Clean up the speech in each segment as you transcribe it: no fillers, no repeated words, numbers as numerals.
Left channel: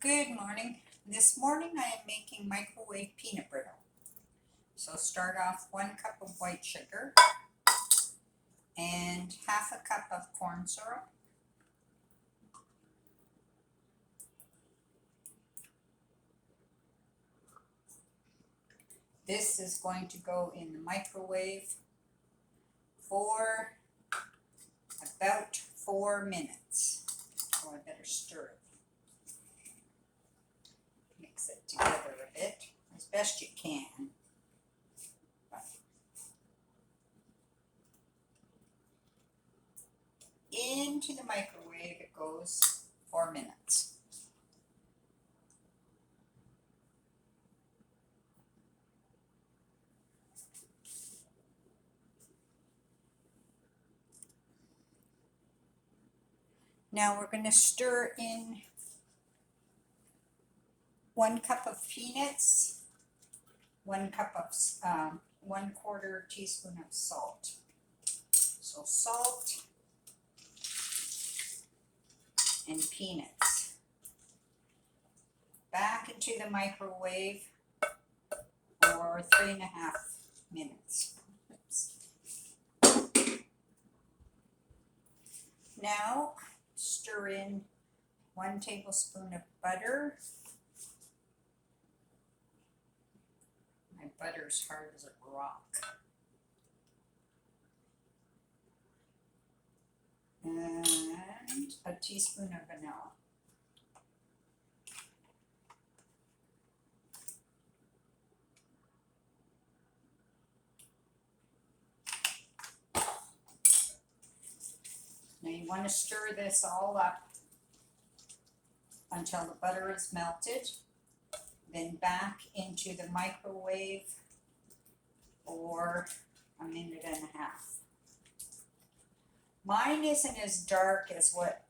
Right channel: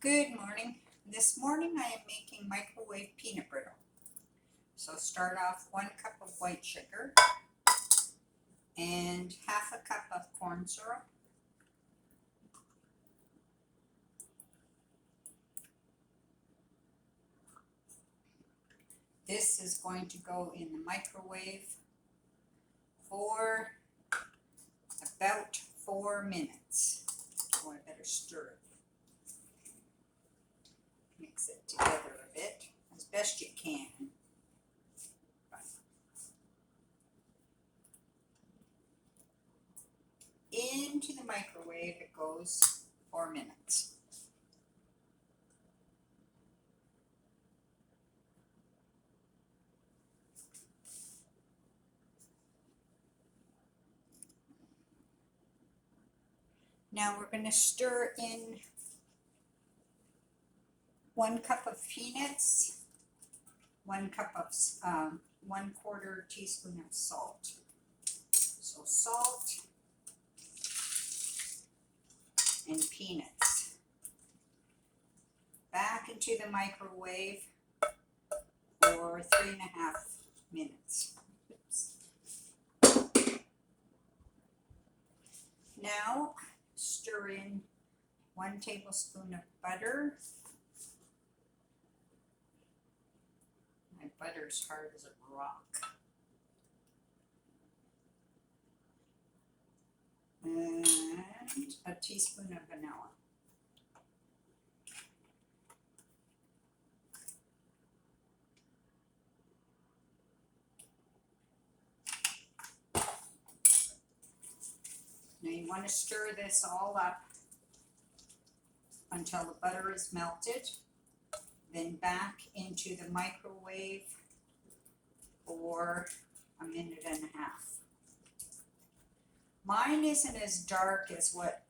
Good morning. This morning I am making microwave peanut brittle. So start off 1 cup of white sugar and half a cup of corn syrup. This is going to go in the microwave for about 4 minutes. Oh, I better stir it. Mix it together a bit as best you can. Into the microwave it goes 4 minutes. Now we're going to stir in 1 cup of peanuts, 1 cup of 1/4 teaspoon of salt. So salt and peanuts. Back into the microwave for 3.5 minutes. Oops. Now stir in 1 tablespoon of butter. My butter's hard as a rock. And a teaspoon of vanilla. Now you want to stir this all up until the butter is melted, then back into the microwave for 1.5 minutes. Mine isn't as dark as what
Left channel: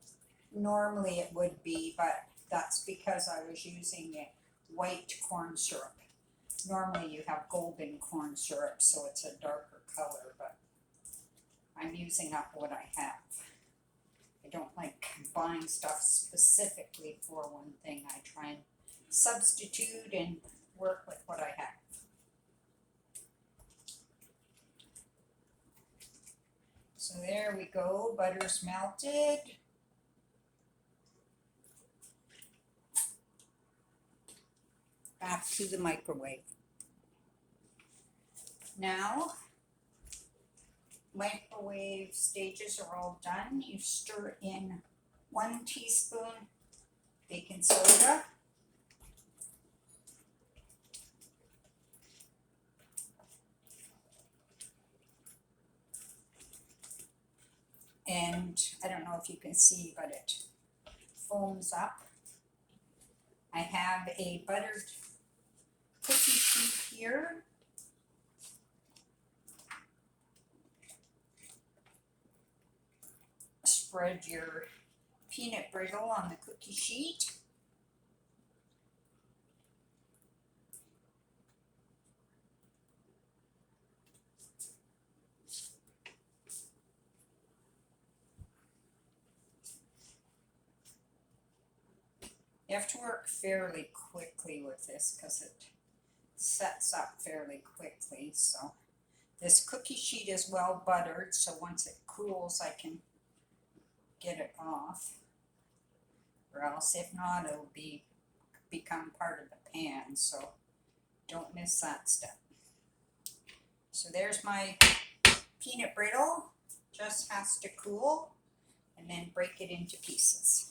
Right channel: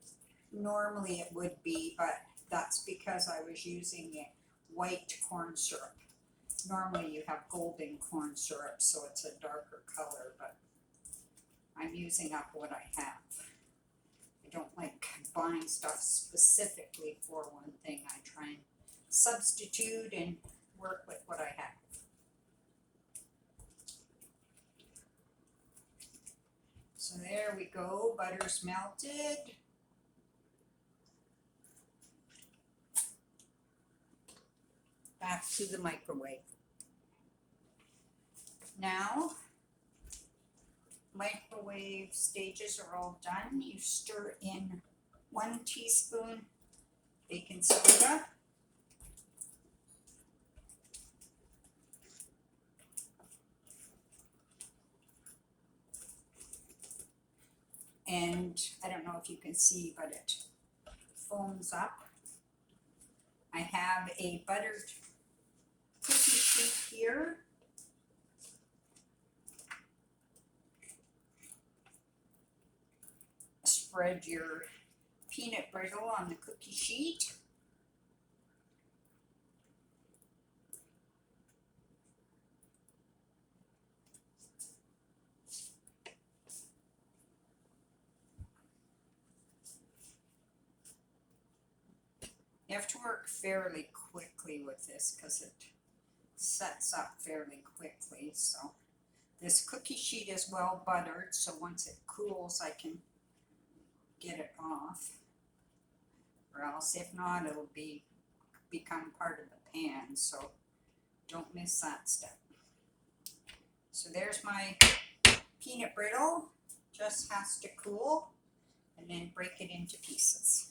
normally it would be, but that's because I was using a white corn syrup. Normally you have golden corn syrup, so it's a darker color, but I'm using up what I have. I don't like buying stuff specifically for one thing. I try and substitute and work with what I have. So there we go, butter's melted. Back to the microwave. Now, microwave stages are all done. You stir in 1 teaspoon baking soda. And I don't know if you can see, but it foams up. I have a buttered cookie sheet here. Spread your peanut brittle on the cookie sheet. You have to work fairly quickly with this because it sets up fairly quickly. So this cookie sheet is well buttered, so once it cools I can get it off, or else if not it'll become part of the pan, so don't miss that step. So there's my peanut brittle. Just has to cool and then break it into pieces.